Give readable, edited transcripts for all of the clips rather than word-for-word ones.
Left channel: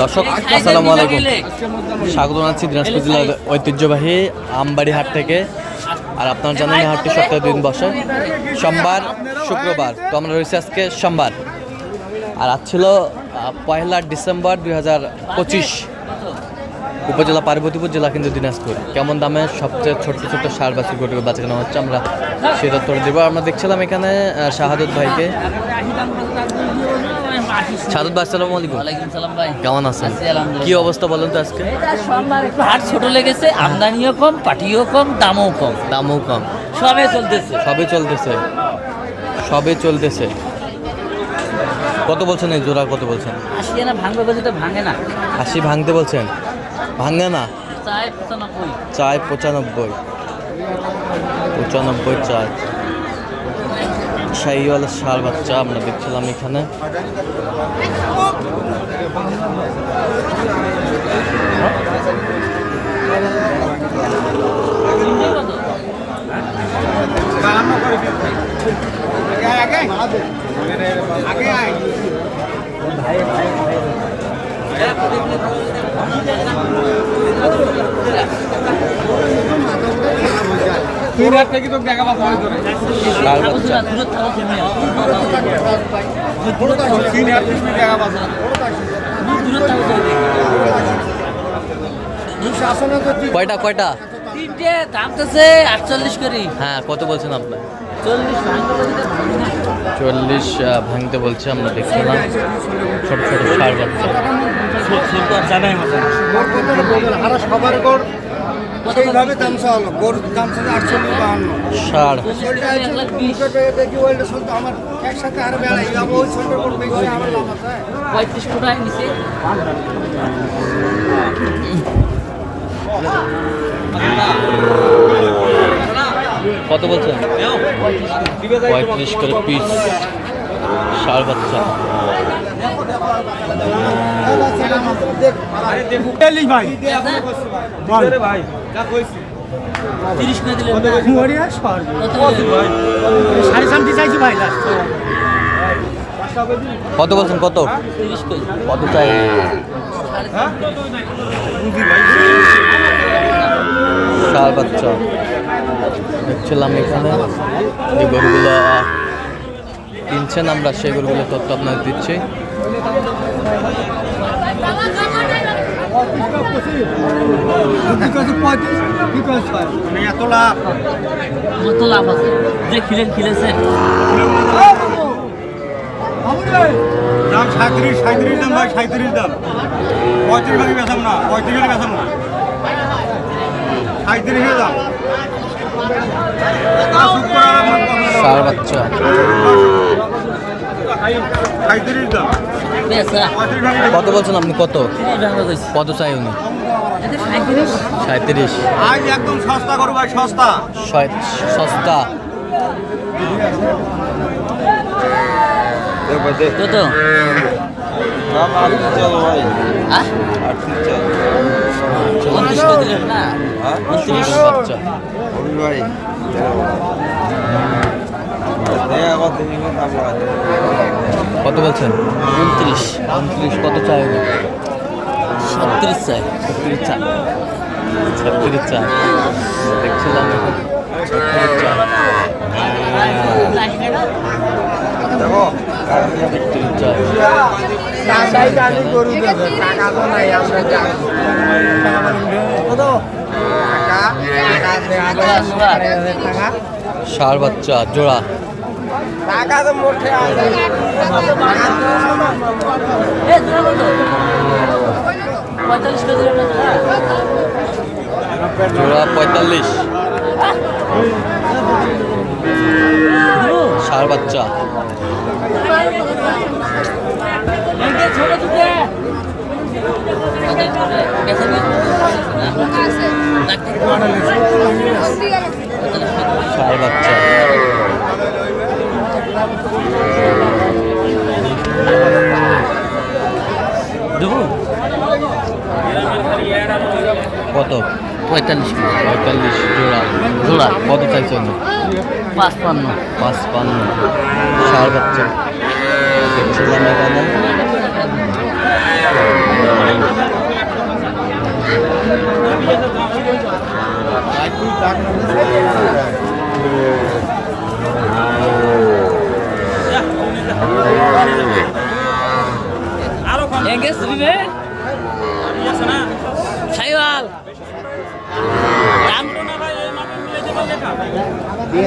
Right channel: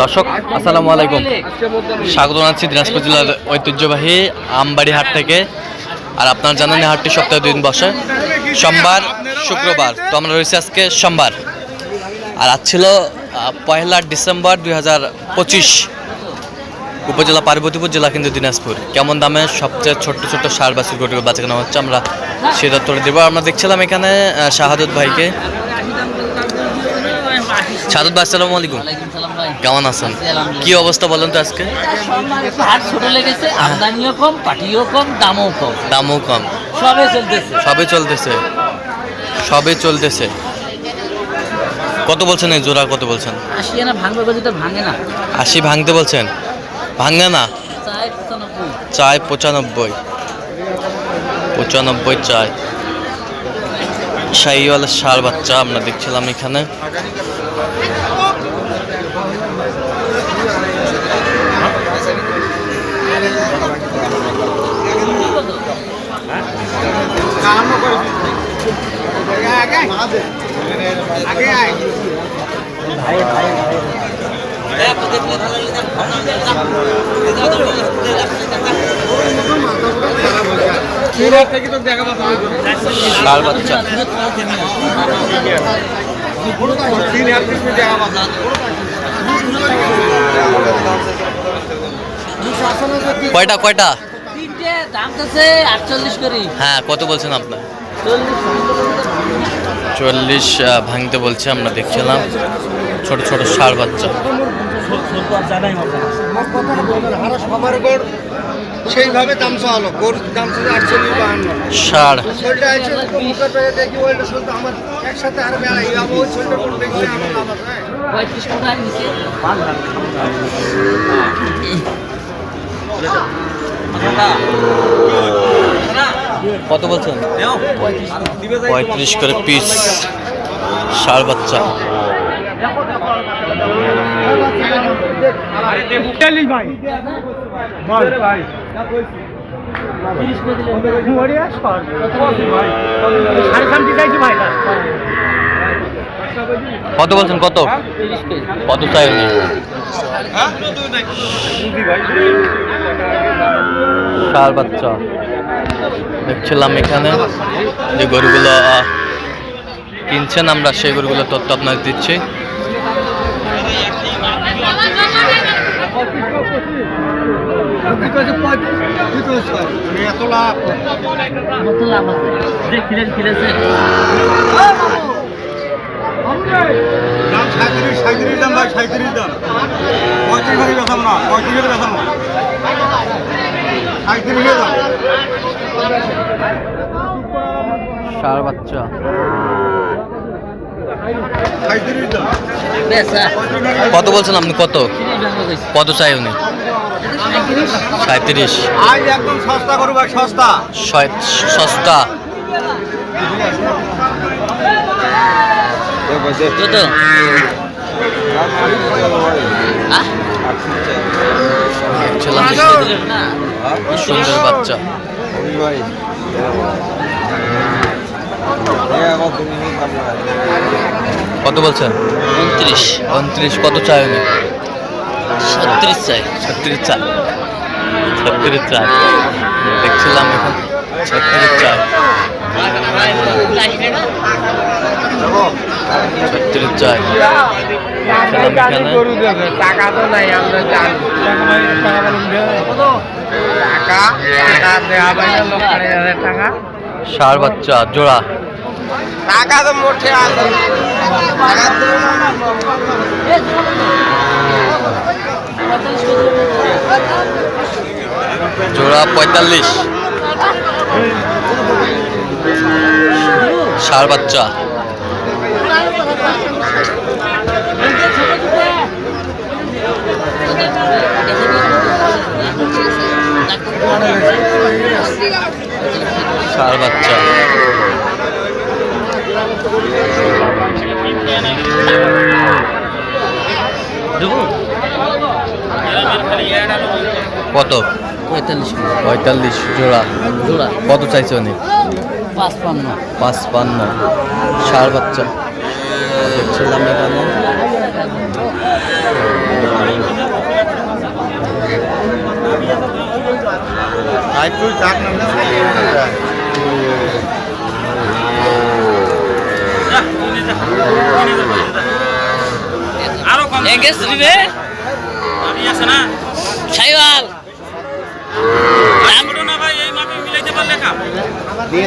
দর্শক আসসালামু আলাইকুম, স্বাগত জানাচ্ছি দিনাজপুর জেলার ঐতিহ্যবাহী আমবাড়ি হাট থেকে। আর আপনারা জানেন এই হাটটি সপ্তাহে 2 দিন বসে, সোমবার শুক্রবার। তো আমরা রয়েছি আজকে সোমবার, আর আজ ছিল 1 ডিসেম্বর 2025। উপজেলা পার্বতীপুর, জেলা কিন্তু দিনাজপুর। কেমন দামে সবচেয়ে ছোট্ট ছোট্ট সার বাছুর গরু বাচ্চা কেনা হচ্ছে আমরা সেটা তোলে দেবো। আমরা দেখছিলাম এখানে শাহাদত ভাইকে। শাহাদত ভাই আসসালামু আলাইকুম, কেমন আছেন? কি অবস্থা বলেন তো আজকে? হাট ছোট লেগেছে, আমদানিও কম, পাটিও কম, দামও কম। দামও কম, সবে চলতেছে। কত বলছেন এই জোড়া? কত বলছেন? 80 না ভাঙবে বলি তো ভাঙে না। 80 ভাঙতে বলছেন? ভাঙে না, চাই 95 চাই। শাহিওয়ালের ষাঁড় বাচ্চা আমরা দেখছিলাম এখানে। ষাঁড় বাচ্চা কয়টা? দাম তো 48 করে। হ্যাঁ, কত বলছেন আপনার? 40 ভাঙতে বলছে। আমরা দেখছিলাম ছোট ছোট ষাঁড় বাচ্চা। সেইভাবে দাম চাওয়ালো, গরুর দাম ছিল 48-52। ষাঁড় আমার একসাথে আরো বেড়াই ওই ছোটটা করে দেখছি 35 টাকা নিচে। কত বলছেন? 35 করে পিস ষাঁড় বাচ্চা। কত বলছেন? কত চাই? ষাঁড় বাচ্চা দেখছিলাম এখানে। যে গরুগুলো কিনছেন আমরা সেই গরুগুলো তথ্য আপনাদের দিচ্ছি। এত লাভ যে খিলেছে দাম 37 দাম ভাই, 37 দাম। 35 করে বেচাম না, 35 করে বেচাম না, 37 দাম। ষাঁড় বাচ্চা 37 দাম। কত বলছেন আপনি? কত চাই উনি? 37। আজ একদম সস্তা করো ভাই, সস্তা। সস্তা কত? সুন্দর বাচ্চা। কত বলছেন? 29। কত চাই উনি? 36 চাই। 36 চাই। দেখছিলাম এখন 36 চাই। 36 চাই এখানে। ষাঁড় বাচ্চা জোড়া। জোড়া 45। ষাঁড় বাচ্চা ষাঁড় বাচ্চা কত? 45 জোড়া। কত চাইছে উনি? 55 ষাঁড় বাচ্চা দেখছিলাম এখানে। আরো কম এঙ্গেজ দিবে আমি আছে না সাইওয়াল ছোট না ভাই এই মাপে মিলাইতে পারলে কাম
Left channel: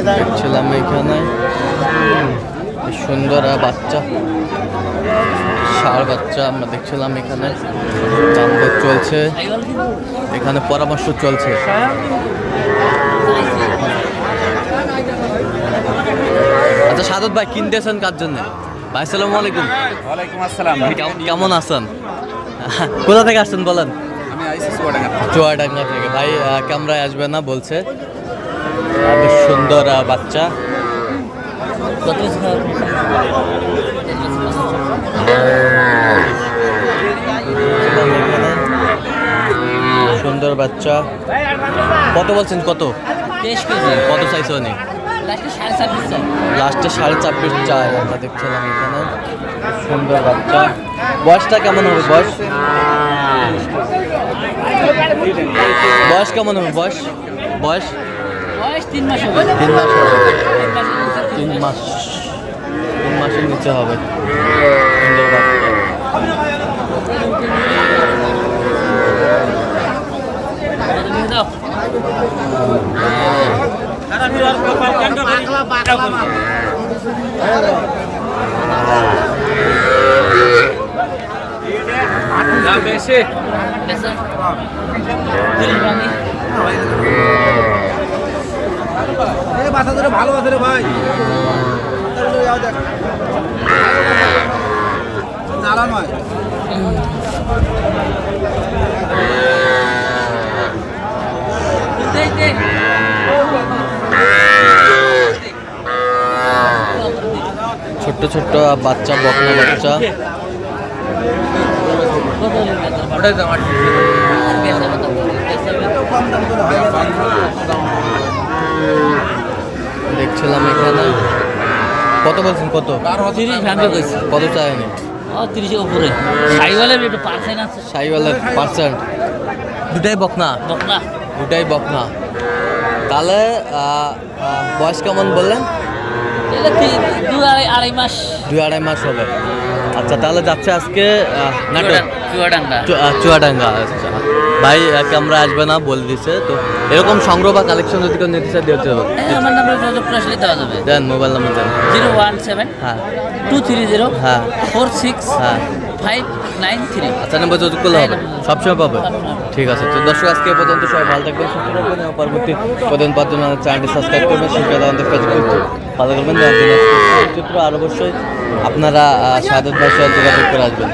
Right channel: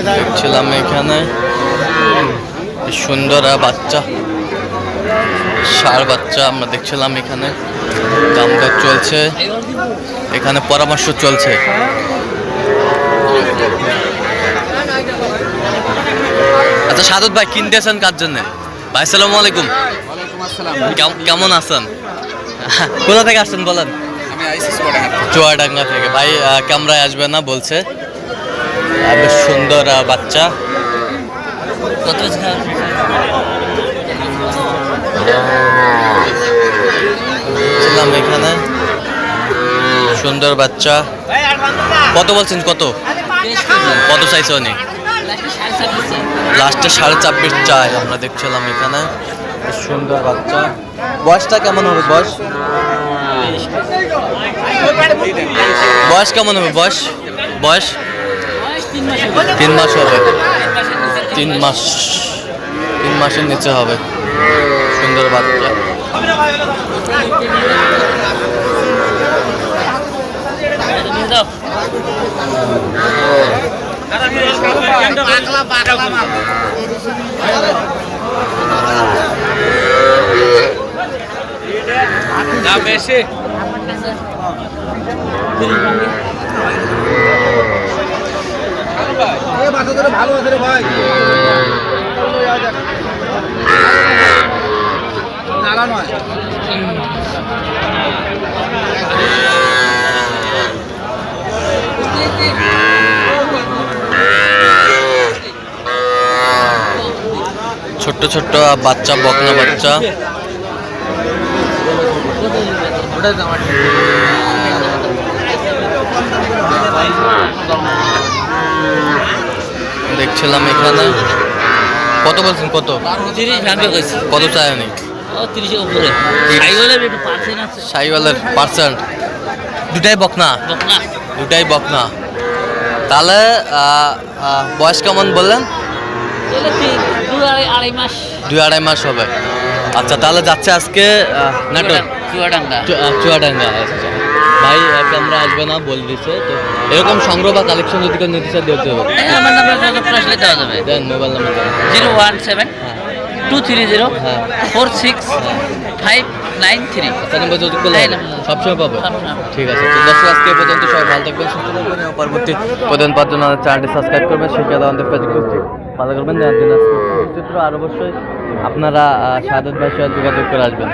দেখছিলাম এখানে সুন্দর বাচ্চা ষাঁড় বাচ্চা আমরা দেখছিলাম এখানে দাম দর চলছে এখানে পরামর্শ চলছে আচ্ছা সাদত ভাই কিনতেছেন কার জন্য ভাই আসসালামু আলাইকুম ওয়ালাইকুম আসসালাম কেমন আছেন কোথা থেকে আসছেন বলেন আমি আইসি চুয়াডাঙ্গা চুয়াডাঙ্গা থেকে ভাই ক্যামেরায় আসবে না বলছে বেশ সুন্দর বাচ্চা কত ছিলাম এখানে সুন্দর বাচ্চা কত বলছেন কত কত চাইছে অনেক লাস্টে 26.5 চাই আমরা দেখছিলাম এখানে সুন্দর বাচ্চা বয়সটা কেমন হবে বয়স বয়স কেমন হবে বয়স বয়স 3 মাস হবে 3 মাস 3 মাসের নিচে হবে সুন্দর বাচ্চা ভালো আছে রে ভাই নালা নয় ছোট্ট ছোট্ট বাচ্চা বকনা বাচ্চা দেখছিলাম এখানে কত বলছেন কত 30 ভ্যান গেছে কত চাই অনেক 30 এর উপরে সাইওয়ালের একটা পার্সেন্ট আছে সাইওয়ালের পার্সেন্ট দুটাই বকনা বকনা দুটাই বকনা তাহলে বয়স কেমন বললেন এটা 2 মাস 2-2.5 মাস হবে আচ্ছা তাহলে যাচ্ছে আজকে নাটোর চুয়াডাঙ্গা চুয়াডাঙ্গা আচ্ছা ভাই ক্যামেরা আসবে না বলে দিছে তো এরকম সংগ্রহ বা কালেকশন যদি কেউ নিতে চায় দিতে হবে আমার নাম্বার যোগাযোগ আসলে দেওয়া যাবে দেন মোবাইল নাম্বার দেন 017 হ্যাঁ 230 হ্যাঁ 46 হ্যাঁ 593 আচ্ছা নাম্বার যদি করলে হবে সবসময় পাবে সবসময়। ঠিক আছে তো দর্শক আজকে এ পর্যন্ত সবাই ভালো থাকবেন সুস্থ থাকবেন এবং পরবর্তী প্রতিদিন পাওয়ার জন্য চ্যানেলটি সাবস্ক্রাইব করবেন সুবিধা আমাদের ফেসবুক ফলো করবেন চিত্র আর অবশ্যই আপনারা সাদত ভাষায় যোগাযোগ করে আসবেন